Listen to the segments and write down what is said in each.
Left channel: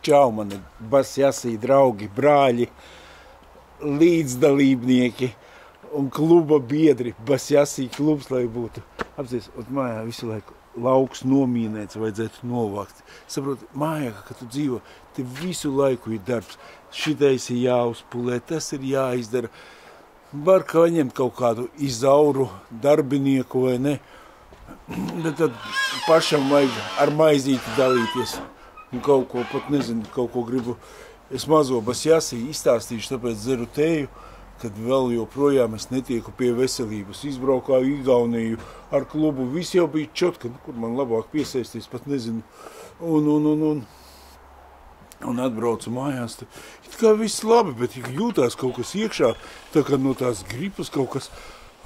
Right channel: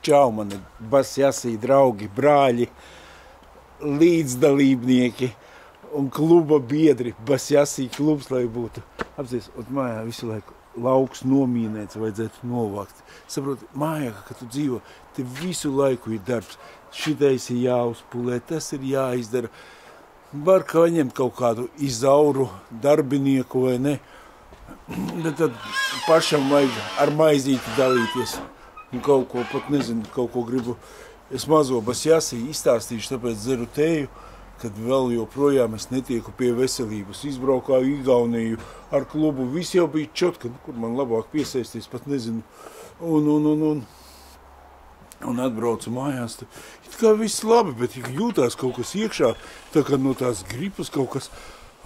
Čau, mani basjasī draugi, brāļi, līdzdalībnieki un kluba biedri. Basjasī klubs, lai būtu. Apsies, mājā visu laiku lauks nomīnēts, vajadzētu novākt. Saproti, mājā, kad tu dzīvo, te visu laiku ir darbs. Šitais ir jāuzpulē, tas ir jāizdara. Var kā ņemt kaut kādu izauru darbinieku vai ne. Bet tad pašam vajag ar maizīti dalīties. Un kaut ko, pat nezinu, kaut ko gribu. Es mazo basjasī izstāstīšu, tāpēc dzeru teju, kad vēl joprojām es netieku pie veselības. Izbraukāju Igauniju ar klubu, viss jau bija čotka, kur man labāk piesaisties, pat nezinu. Un atbraucu mājās. It kā viss labi, bet jūtās kaut kas iekšā, tā kā no tās gripas kaut kas.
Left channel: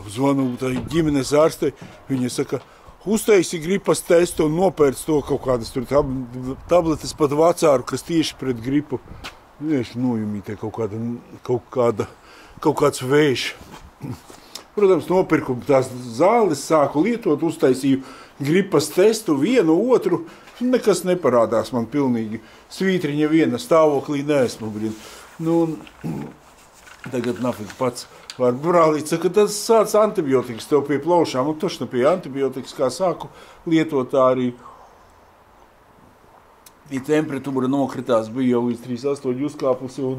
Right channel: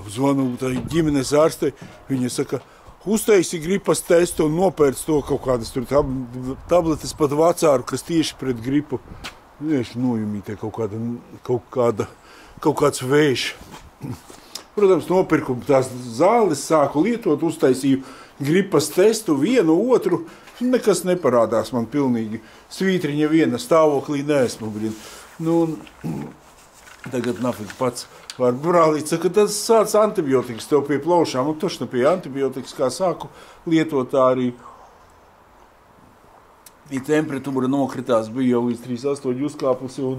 Apzvanu tā ģimenes ārstei, viņa saka, uztaisi gripas testu un nopērc to kaut kādas tur tabletes pat vacāru, kas tieši pret gripu. Tieši nojumītie kaut kāds vējš. Protams, nopirku tās zāles, sāku lietot, uztaisīju gripas testu, vienu, otru. Nekas neparādās man pilnīgi. Svītriņa viena stāvoklī neesmu, tagad nafik pats var brālīt, saka, tas sāc antibiotikas tev pie plaušām, un tošna pie antibiotikas, kā sāku lietot, tā arī temperatūra nokritās, bija jau līdz 38 uzkāpusi, un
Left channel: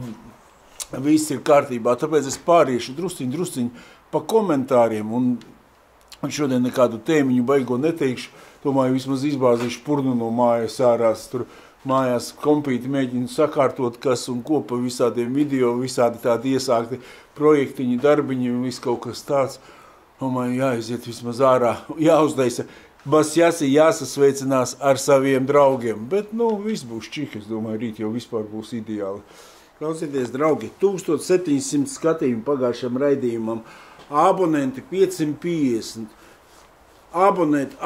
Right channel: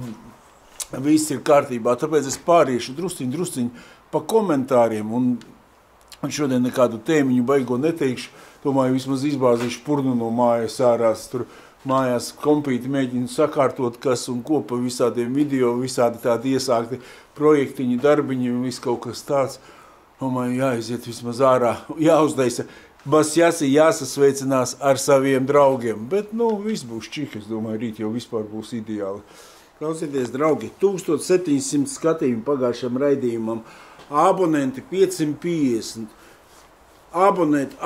viss ir kārtībā, tāpēc es pāriešu drusciņ pa komentāriem, un šodien nekādu tēmiņu baigo neteikšu, domāju, vismaz izbāzīšu purnu no mājas ārās, tur mājās kompīti mēģinu sakārtot, kas un ko pa visādiem video, visādi tādi iesākti projektiņi, darbiņi un viss kaut kas tāds. Domāju, jāiziet vismaz ārā, jāuzdaisa. Basjasī jāsasveicinās ar saviem draugiem, bet, viss būs čik, es domāju, rīt jau vispār būs ideāli. Klausieties, draugi, 1700 skatījumu pagājušam raidījumam, abonenti 550. Abonēt,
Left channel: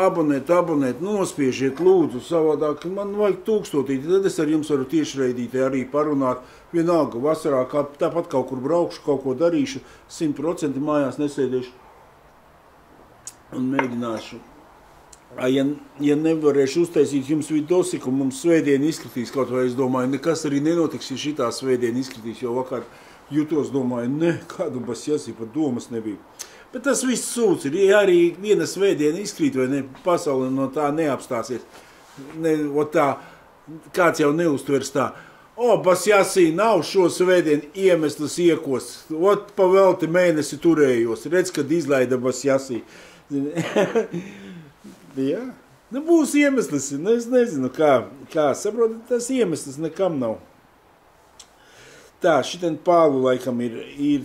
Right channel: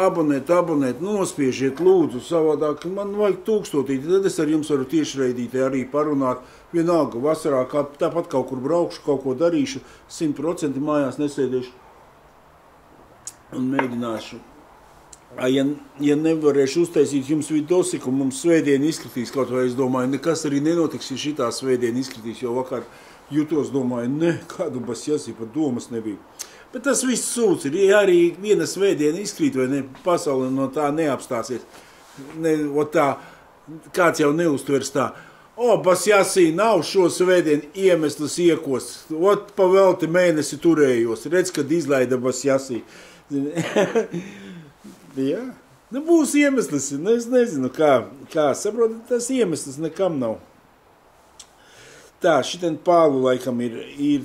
nospiežiet lūdzu, savādāk man vajag 1000, tad es ar jums varu tiešraidītē arī parunāt. Vienalga, vasarā tāpat kaut kur braukšu, kaut ko darīšu, 100% mājās nesēdīšu un mēģināšu. Ja nevarēšu uztaisīt jums vidosiku, mums svētdien izskatīs kaut vai, es domāju, nekas arī nenotiks, ja šitā svētdien izskatīs, jo vakar jutos, domāju, kādu basjasī, pat domas nebija. Bet tas viss sūds ir, ja arī viena svētdiena izkrīt, vai ne, pasaule no tā neapstāsies. Kāds jau neuztvers tā. Basjasī nav šo svētdienu iemesls iekos. Pa velti mēnesi turējos. Redz, kad izlaida basjasī. Jā, būs iemesls. Es nezinu, kā saprotat, tas iemesls nekam nav. Tā, šitien pālu laikam ir,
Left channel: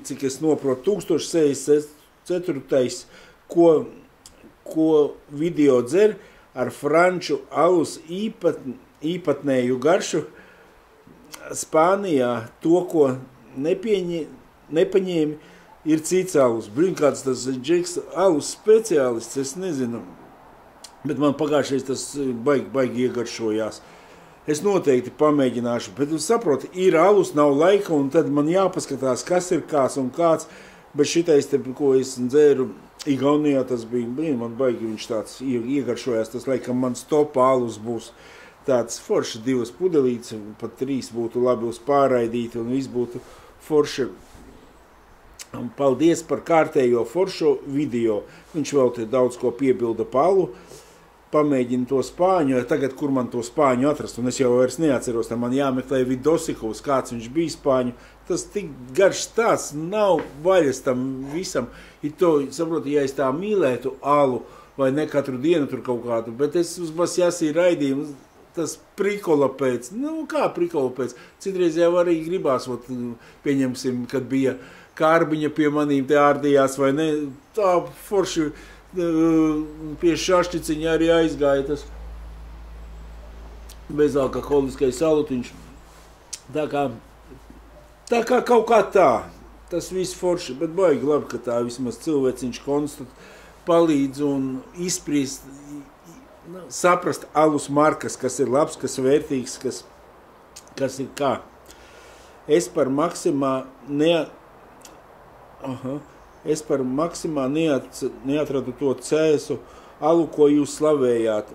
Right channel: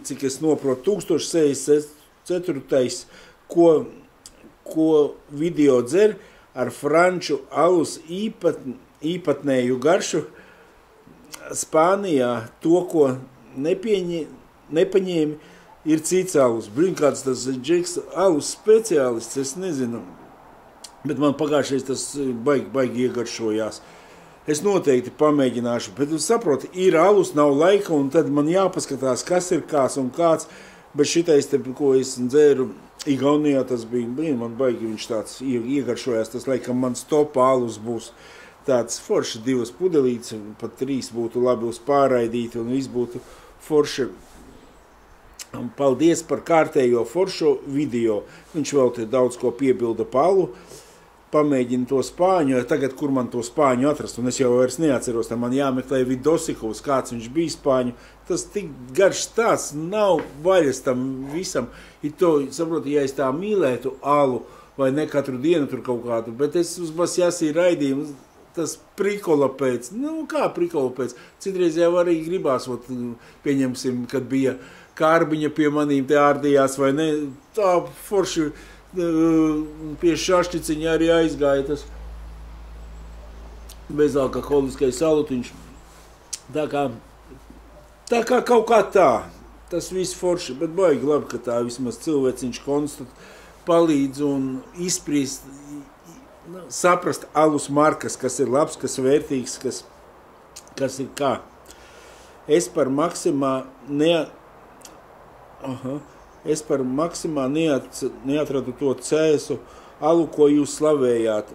cik es noprotu, 1064. Ko video dzer ar franču alus īpatnēju garšu Spānijā. To, ko nepaņēmi, ir cits alus. Kāds tas džeks alus speciālists, es nezinu. Bet man pagājušais tas baigi iegaršojās. Es noteikti pamēģināšu, bet saproti, ir alus, nav laika, un tad man jāpaskatās, kas ir kāds un kāds. Bet šitais, ko es dzēru Igaunijā, tas bija, man baigi viņš tāds iegaršojās, tas laikam mans top alus būs tāds forši 2 pudelītes, pat 3 būtu labi uz pārraidīti, un viss būtu forši. Paldies par kārtējo foršo video. Viņš vēl te daudz ko piebilda palu. Pamēģinu to spāņu, tagad, kur man to spāņu atrast, un es jau vairs neatceros, tā man jāmeklē Vidosikovs, kāds viņš bija spāņu. Tas tik garš tāds, nav vaļas tam visam. Saproti, ja es tā mīlētu alu, vai ne katru dienu tur kaut kādu, bet es uz basjasī raidījumu, tas prikola pēc, kā prikola pēc, citreiz jau arī gribās, pieņemsim, kad bija Kārbiņa pie manīm te ārdījās, vai ne, tā forši, pie šašķiciņa arī aizgāja tas bezalkoholiskais salutiņš. Tā kā kaut kā tā, tas viss forši, bet baigi labi, ka tā vismaz cilvēciņš palīdz un izprīst, saprast alus markas, kas ir labs, kas vērtīgs, kas ir kā. Es par Maksimā neatradu to cēsu alu, ko jūs slavējāt.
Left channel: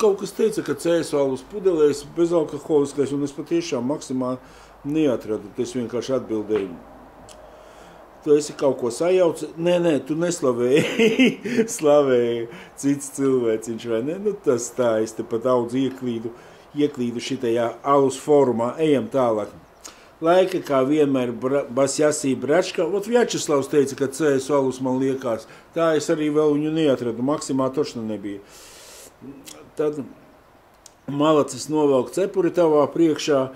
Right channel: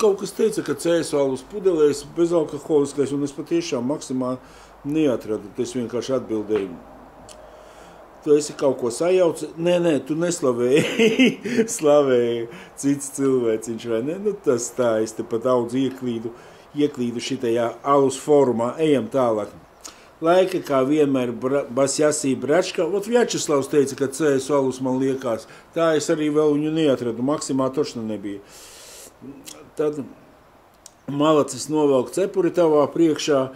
Kaut kas teica, ka cēsu alus pudelēs bezalkoholiskais, un es patiešām maksimāli neatradu. Es vienkārši atbildēju. Tu esi kaut ko sajaucis? Nē, tu neslavēji, slavēji cits cilvēciņš, vai ne? Nu, tas tā, es te pat daudz ieklīdu šitajā alus fórumā. Ejam tālāk. Laika, kā vienmēr, Basjasī Bračka. Ot Vjačeslavs teica, ka cēsu alus man liekas. Tā es arī vēl viņu neatradu. Maksimā tošna nebija. Tad malacis novelk cepuri tavā priekšā.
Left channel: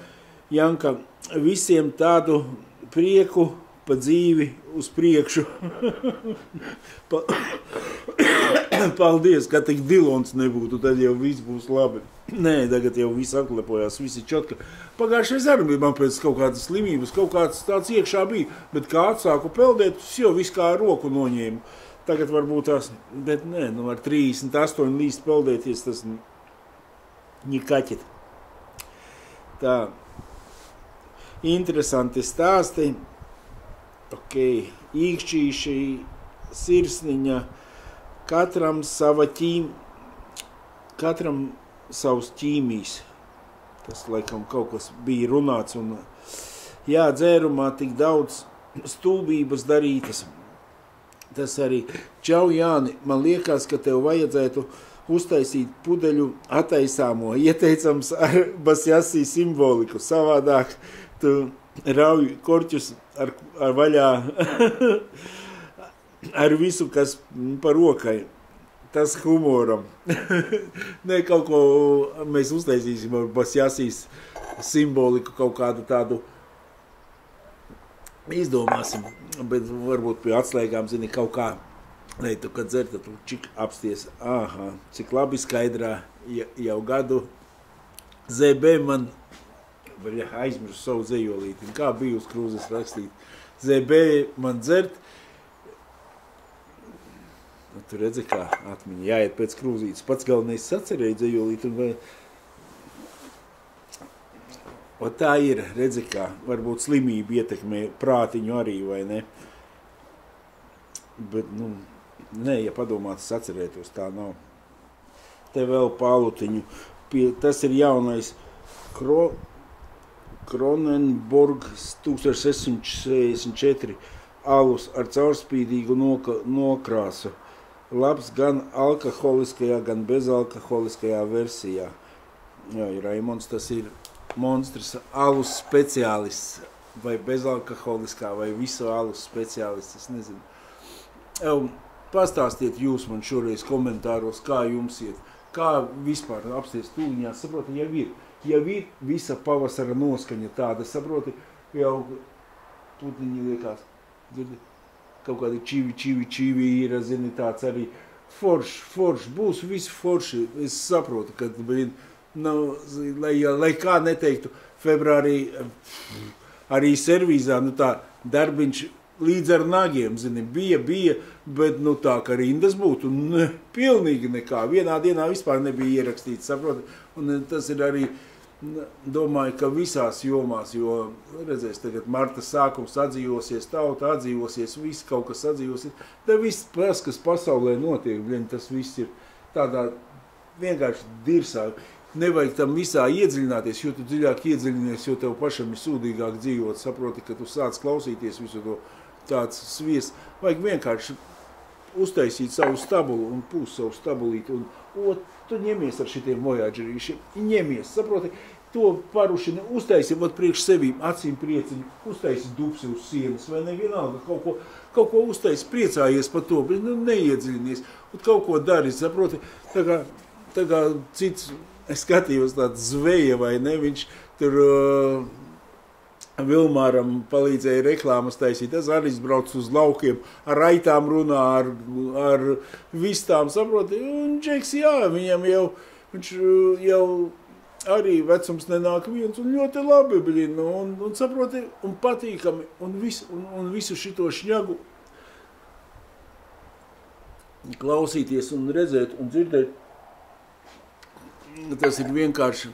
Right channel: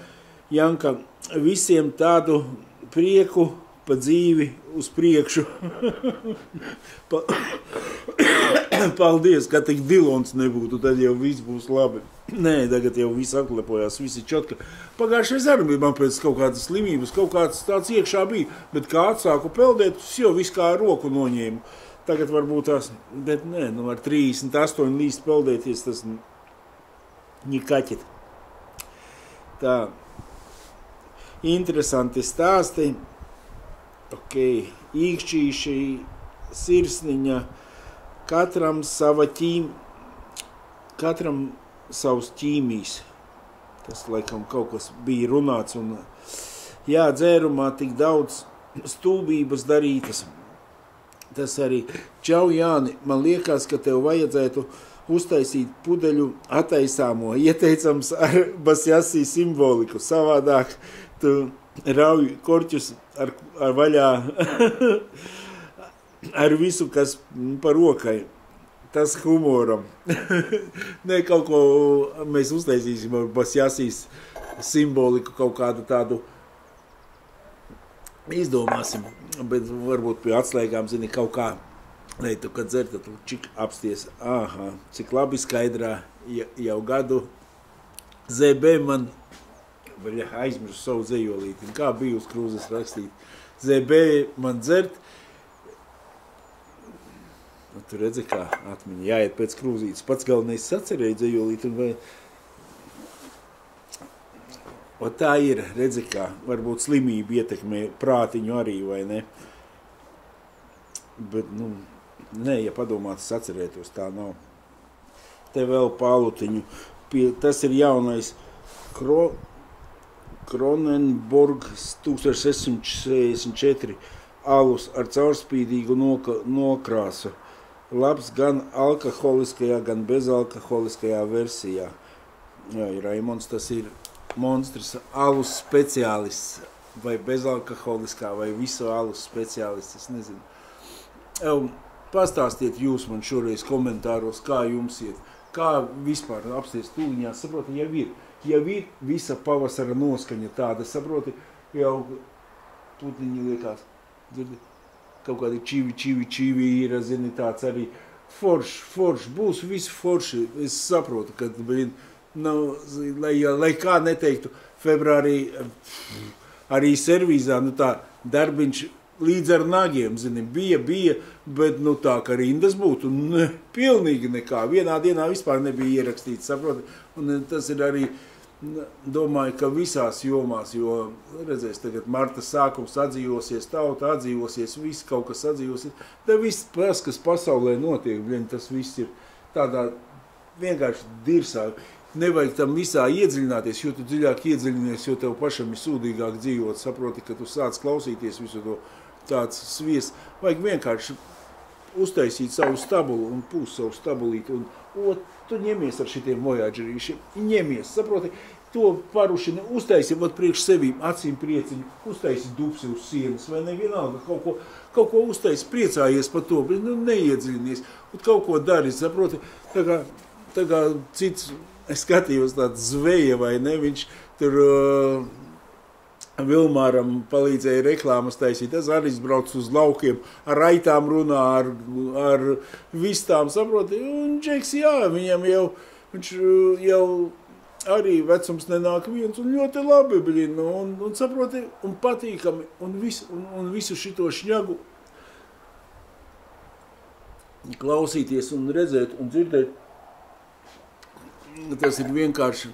Janka, visiem tādu prieku pa dzīvi uz priekšu. Paldies, ka tik Dilons nebūtu, tad jau viss būs labi. Nē, tagad jau viss atlepojās, visi čotka. Pagājušais arī man pēc kaut kādas slimības, kaut kāds tāds iekšā bija, bet kā atsāku peldēt, jau viss kā roku noņēmu. Tagad varbūt tās, bet nē, nu ar 38 līst peldēties, tas nikaķit. Tā, interesanti stāsti. Ok, īkšķīši, sirsniņa, katram savs ķīmijs. Tas, laikam, kaut kas bija runāts, un jā, dzērumā tik daudz stulbības darītas. Tas arī, čau Jāni, man liekas, ka tev vajadzētu uztaisīt pudeļu attaisāmo, ieteicams ar Basjasī simboliku, savādāk tu rauj korķus ar vaļā ar visu, kas par rokai. Tas humoram. Nē, kaut ko mēs uztaisīsim ar Basjasīs simboliku, kaut kādu tādu izdomāsim, bet varbūt pie atslēgām, zini, kaut kā. Nē, tu, kad dzer, tad tu čik apsties. Aha, cik labi skaidrā jau gadu. ZB man aizmirsu savu dzejolīti. Kā bija uz krūzes rakstīt? ZB man dzert. Tu redzi, kā atmiņa jāiet pēc krūzītes. Pats galvenais sacerēja dzejolīti. Un tā ir, redzi, kā varbūt slimība ietekmē prātiņu arī, vai ne? Bet, nu, nē, ja padomāts sacerētos, tā nav. Te vēl pālutiņu. Tas ir jaunais Kronenburgs 1664 alus ar caurspīdīgu nokrāsu. Labs gan alkoholiskajā, gan bezalkoholiskajā versijā. Jā, Raimonds, tas ir monstrs, alus speciālists, vai bezalkoholiskā, vai visu alus speciālists, es nezinu. Pastāstiet jūs man šoreiz komentāros, kā jums iet, kā vispār apsties tūliņās, saproti, jau ir visa pavasara noskaņa tāda, saproti, jau putniņi liekas, dzirdi? Kaut kādi čivi ir, zini, tāds arī forši, būs visi forši. Es saprotu, ka, lai kā neteiktu, februārī arī servīzā, nu tā, darbiņš līdz ar nagiem, zini, bija, bet, nu tā, ka rindas būtu, pilnīgi nekā. Vienā dienā vispār nebija ierakstīts, saproti, un tas ir arī, domāju, ka visās jomās, jo, redzēs, tagad marta sākums atdzīvosies, tauta atdzīvosies, viss kaut kas atdzīvosies. Te viss, kas pasaulē notiek, tas viss ir tādā vienkārši dirsā. Nevajag tam visā iedziļināties, jo tu dziļāk iedziļinies, jo tev pašam ir sūdīgāk dzīvot, saproti, ka tu sāc klausīties visu to tāds svies. Vajag vienkārši uztaisīt savu stabulu un pūst savu stabulīti, un tu ņemies ar šitiem vojādžerīšiem, ņemies, saproti, to parušini, uztaisi priekš sevīm, acīm prieciņu, uztaisi dupsi uz sienas, vai ne vienalga, kaut ko uztaisi, priecājies par to, bet neiedziļinies, un kaut ko dari, saproti, tā kā cits, es skatījos tāds zveja, vai ne, viņš tur Vilmāram palīdzēja reklāmas taisīt, tas arī brauc uz laukiem, ar aitām runā, ar vistām, saproti, un Džeks, jā, viņam viņš jau arī vecums nenāk viens, un ļoti labi, un saproti, un patīkami, un visu šito šņagu klausīties un redzēt un dzirdēt, tas ir vienkārši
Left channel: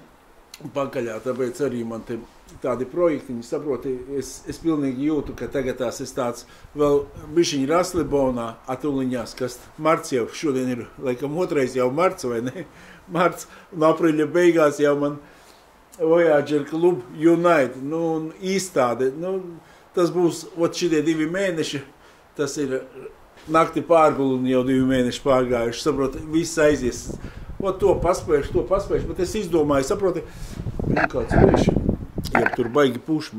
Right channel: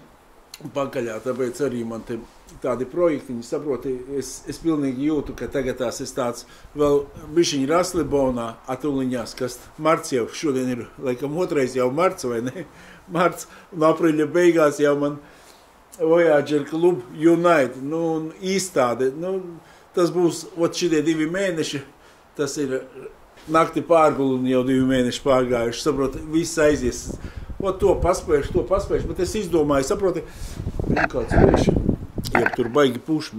pakaļā, tāpēc arī man te tādi projektiņi, saproti, es pilnīgi jūtu, ka tagad tās es tāds vēl bišķiņi Raslibonā atūliņās, kas marts jau šodien ir, laikam, otrais jau marts, vai ne? Marts un apriļa beigās jau man Voyager Club Unite, un izstāde, tas būs, šitie 2 mēneši, tas ir nakti pārguli un jau 2 mēneši pārgājuši, saproti, viss aizies. To paspējuši, bet es izdomāju, saproti, kāds vieši, ja tur baigi puši,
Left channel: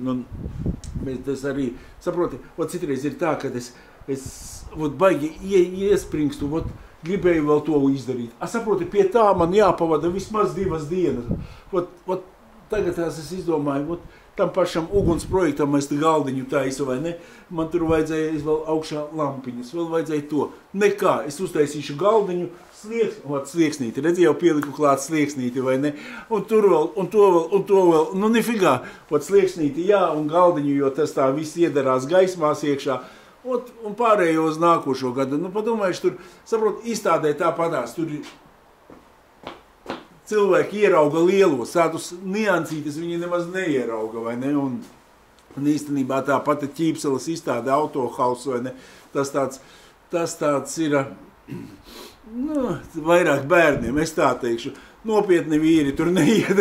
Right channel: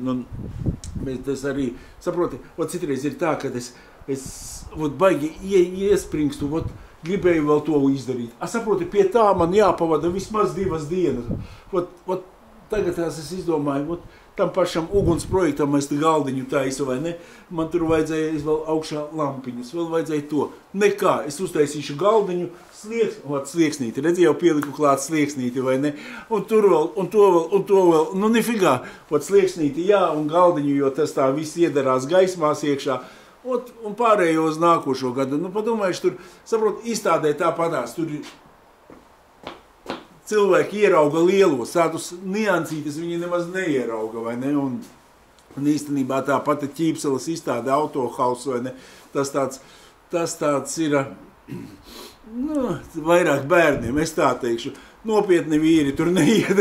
bet es arī, saproti, citreiz ir tā, kad es baigi iespringstu, gribēju vēl to izdarīt. Saproti, pie tā man jāpavada vismaz 2 dienas. Tagad es izdomāju, tam pašam uguns projektam es galdiņu taisu, vai ne? Man tur vajadzēja vēl augšā lampiņas, vēl vajadzēja to. Nekā, es uztaisīšu galdiņu, slieksnīti, redzi, jau pieliku klāt slieksnīti, vai ne? Un tur vēl, un to vēl, nifigā, slieksnīti, jā, un galdiņu, jo tas tā viss iedarās gaismās iekšā, un pārējo uz nākošo gadu. Padomājuši, tur, saprot, izstādē tāpatās, tur cilvēki ierauga lielos, tādus niansītes viņi nemaz neierauga, vai ne? Un īstenībā tā pati Ķīpseles izstāde Autohaus, vai ne? Tas tāds ir, vairāk bērniem, es tā teikšu. Nopietni vīri tur neiet.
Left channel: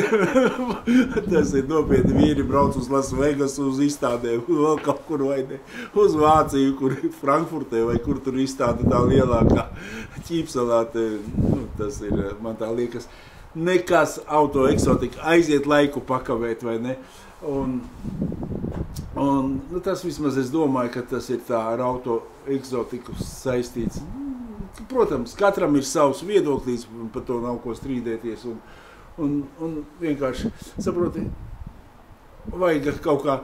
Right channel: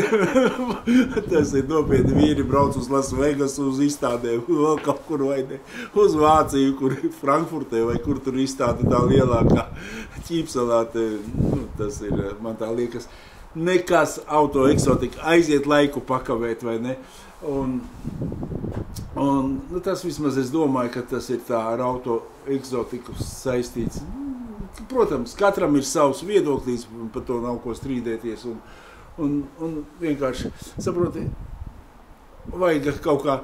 Tas ir nopietni vīri brauc uz Las Vegas, uz izstādēm, vēl kaut kur, vai ne? Uz Vāciju, kur Frankfurtē, vai kur tur izstāde tā lielākā Ķīpselā. Tas ir, man tā liekas, nekas autoeksotika, aiziet laiku pakavēt, vai ne? Un tas vismaz es domāju, ka tas ir tā ar autoeksotiku saistīts. Protams, katram ir savs viedoklis, par to nav ko strīdēties. Un vienkārši, saproti, vajag kaut kā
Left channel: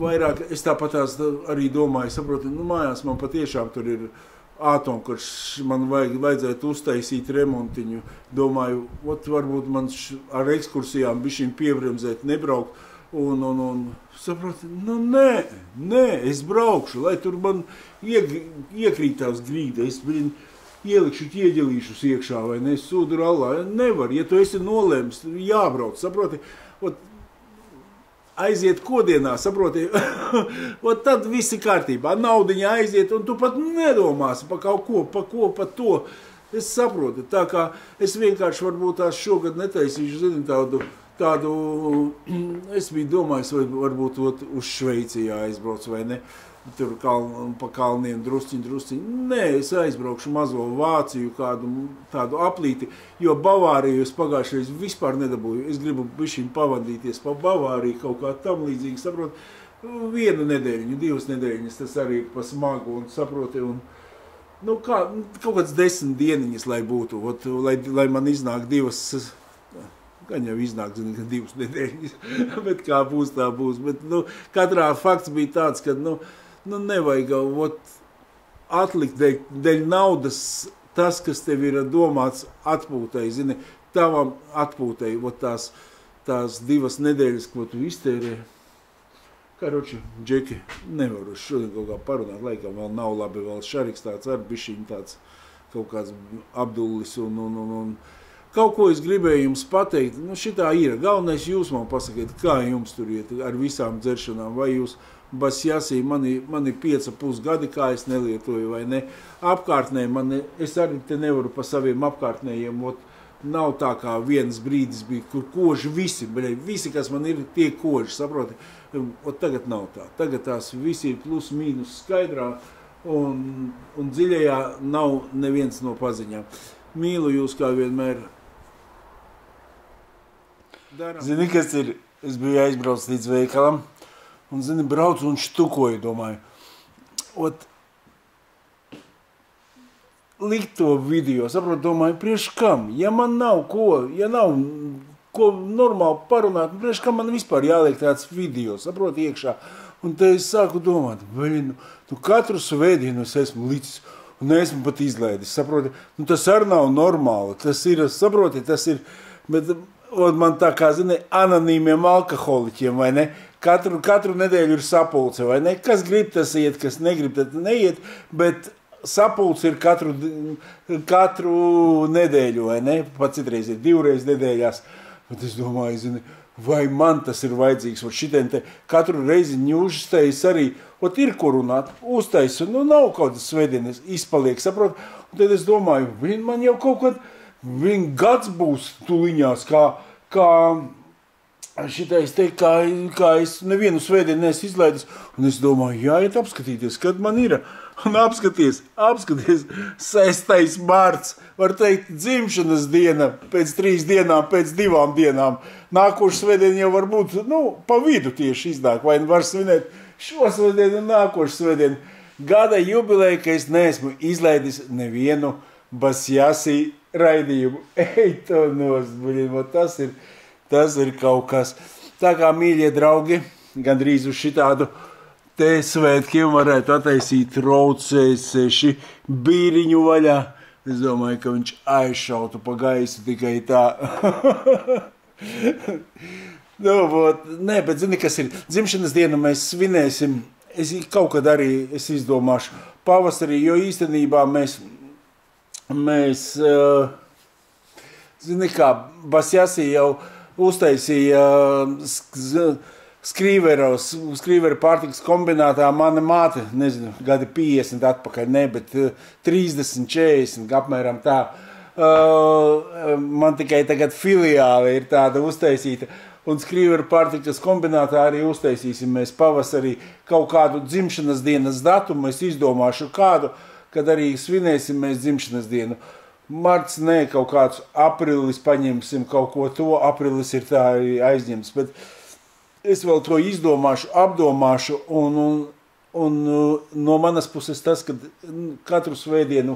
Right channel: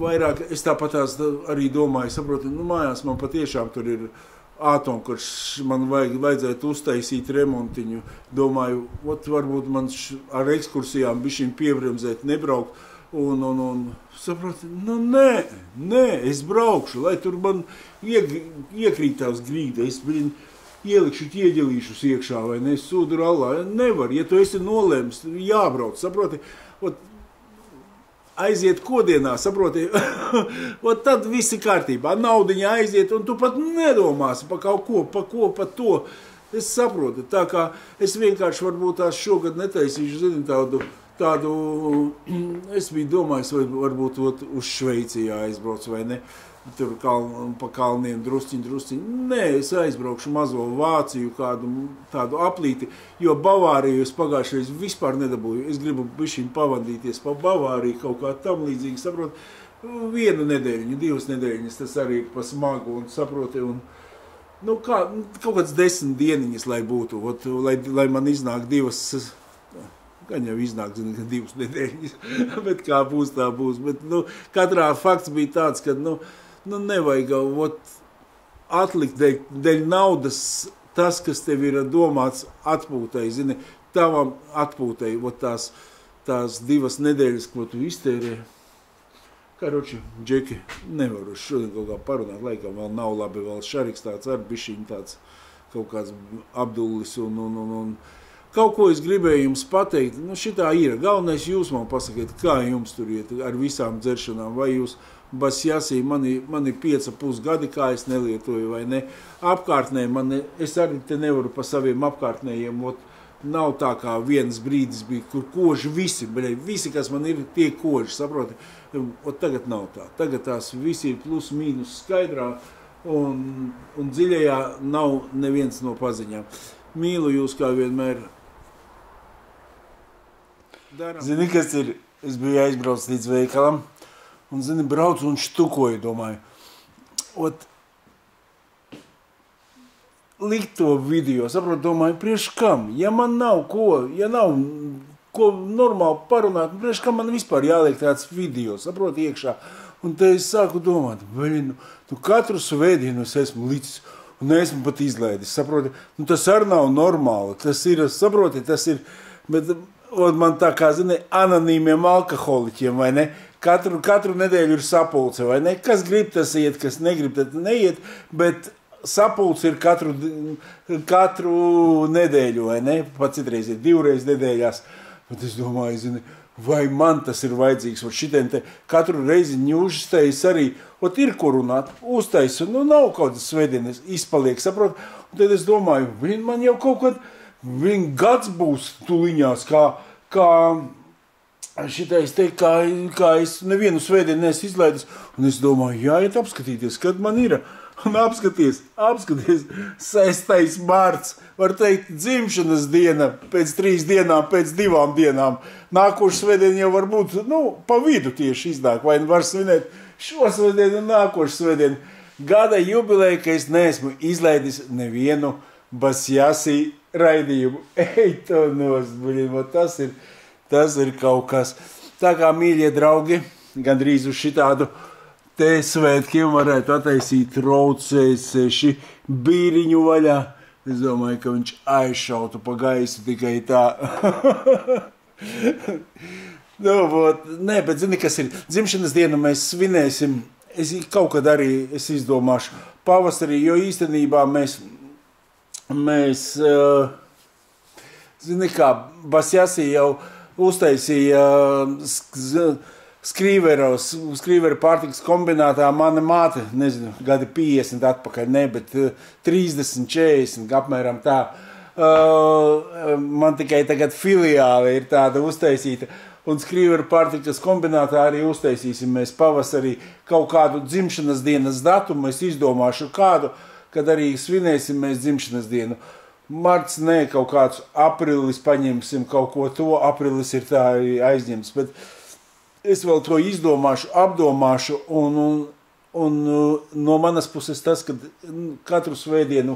vairāk, es tāpatās arī domāju, saproti, mājās man patiešām tur ir ātomkarš, man vajadzētu uztaisīt remontiņu. Domāju, varbūt man ar ekskursijām bišķiņ piebremzēt, nebraukt. Un saproti, nē, es braukšu, lai tur man iekrītās grīda, es ielikšu ķieģelīšus iekšā, vai ne, sūdu rallā. Nevar, ja tu esi nolēms, jābrauc, saproti. Aiziet kodienā, saproti, tad viss ir kārtībā, naudiņa aiziet, un tu pat nedomāsi pa kaut ko, pa to. Es saprotu, tā kā es vienkārši varbūt tās šogad netaisīšu, zini, tādu, es biju domājis, varbūt uz Šveici jāaizbrauc, vai ne, tur pa kalniem drusciņ. Nē, es aizbraukšu mazo Vāciju, kādu tādu aplīti, jo Bavāriju es pagājušreiz vispār nedabūju. Es gribu bišķiņ pavadīties pa Bavāriju, kaut kā tam līdzīgi, saprot, 1 nedēļu, 2 nedēļas, tas arī pa smagu, un saproti, un kaut kāds 10 dieniņas, lai būtu, lai man iznāk 2, gan jau iznāk, zinu, ka 2 nedēļas, bet kā būs, tā būs. Bet, katrā fakts bija tāds, ka, nevajag atlikt dēļ naudas tas, kas tev ir domāts atpūtai, zini, tavam atpūtai, tās 2 nedēļas, ko tu iztērē. Karoči, Džeki, nevaru šodien kaut kā parunāt, laikam vēl nav labi, vēl Šariks tāds ar bišķiņ tāds kaut kāds Abdullis un kaut ko es gribēju jums pateikt, šitā ir. Galvenais jūs man pasakiet, kā jums tur iet ar visām dzeršanām, vai jūs basjasī, mani 5,5 gadi, kā es nelietoju, vai ne. Apkārtnē, es arī te nevaru pa saviem apkārtnējiem, nav tā kā viens brīdis bija, kur koži visi, kas man ir, tie koži, saproti. Tagad nav tā. Tagad tās visi ir plus mīnus skaidrā, un dziļajā nav neviens no paziņām. Mīlu jūs kā vienmēr. Zini, kas ir? Es biju aizbraucis līdz veikalam, un, zini, braucu un štukoju, domāju. Likt to video, saprotu, domāju, priekš kam? Ja man nav ko normāli parunāt, priekš kam man vispār jāliek tāds video, saprotu, iekšā. Un te es sāku domāt, katru svētdienu es esmu licis, un esmu pat izlaidis, saproti, tas arī nav normāli, tas ir, saproti, bet man tā kā, zini, anonīmiem alkoholiķiem, vai ne, katru nedēļu ir sapulce, vai ne, kas grib tas iet, kas negrib, tad neiet, bet sapulce ir katru nedēļu, vai ne, pat citreiz ir 2 reizes nedēļās, Bet es domāju, zini, vai man tas ir vajadzīgs, un šitien te katru reizi ņūžas arī, ot ir ko runāt, uztais, un nav kaut kas svētdienas izpaliek, saprot, un tad es domāju, man jau kaut kad, gads būs tuliņās, kā šitais te, kā es nevienu svētdienu neesmu izlaidis, un es domāju, jāiet apskatīties, kad man ir. Un apskaties, 6. mārts, var teikt, dzimšanas diena, pēc 3 dienām, pēc 2 dienām. Nākošu svētdienu jau var būt, pa vidu tieši iznāk, vai var svinēt šo svētdienu un nākošu svētdienu. Gada jubileja, ka es neesmu izlaidis nevienu Basjasī raidījumu. Ej, to nosbuļimo, tas ir kaut kas. Tā kā, mīļie draugi, gandrīz uz šitādu te svētkiem varētu attaisīt traucēseši bīriņu vaļā. Es domāju, ka viņš aizšautu pa gaisu tikai tā. Nē, bet zini, kas ir? Dzimšanas dienu mēs svinēsim. Es kaut kad arī izdomāšu pavasarī, jo īstenībā mēs zini kā, Basjasī jau uztaisīja Skrīveru pārtikas kombinātā mana māte, nezinu, gadi 50 atpakaļ, ne, bet 30, 40, apmēram tā. Man tikai tagad filiāle ir tāda uztaisīta, un Skrīveru pārtikas kombinātā arī uztaisīsim mēs pavasarī kaut kādu dzimšanas dienas datumu, es izdomāšu kādu, kad arī svinēsim mēs dzimšanas dienu. Marts, nē, kaut kāds aprilis paņemsim kaut ko to, aprilis ir tā aizņemts, bet es vēl to izdomāšu, apdomāšu, un no manas puses tas, ka katru svētdienu,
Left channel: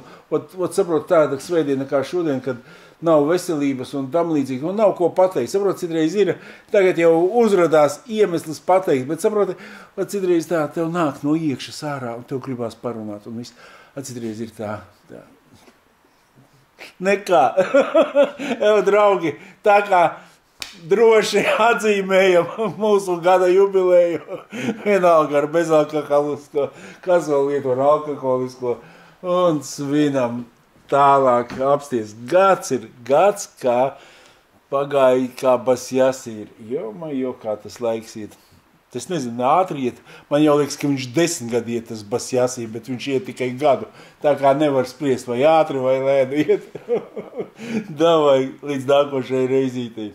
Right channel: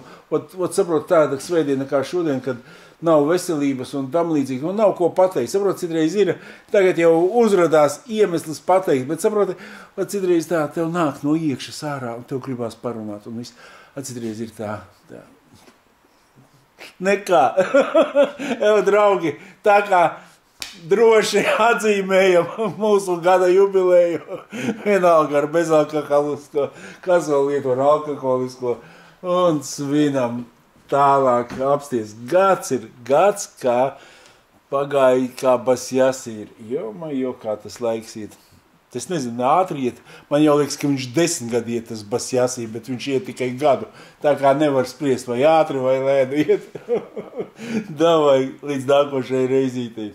saprot tāda svētdiena kā šodien, kad nav veselības un tam līdzīgi, un nav ko pateikt. Saprot, citreiz ir, tagad jau uzradās iemesls pateikt, bet saprot, citreiz tā, tev nāk no iekšas ārā, un tev gribās parunāt, un viss, citreiz ir tā. Nekā. Draugi, tā kā droši atzīmējam mūsu gada jubileju, vienalga ar bezalkoholisko, kas vēl lieto ar alkoholisko, un svinam tālāk apsties. Gads ir gads, kā pagāja, kā Basjasī ir. Jo, kā tas laiks iet. Es nezinu, ātri iet. Man jau liekas, ka viņš 10 gadu iet tas Basjasī, bet viņš iet tikai gadu. Tā kā nevar spriest, vai ātri vai lēni iet. Davai, līdz nākošai reizītei.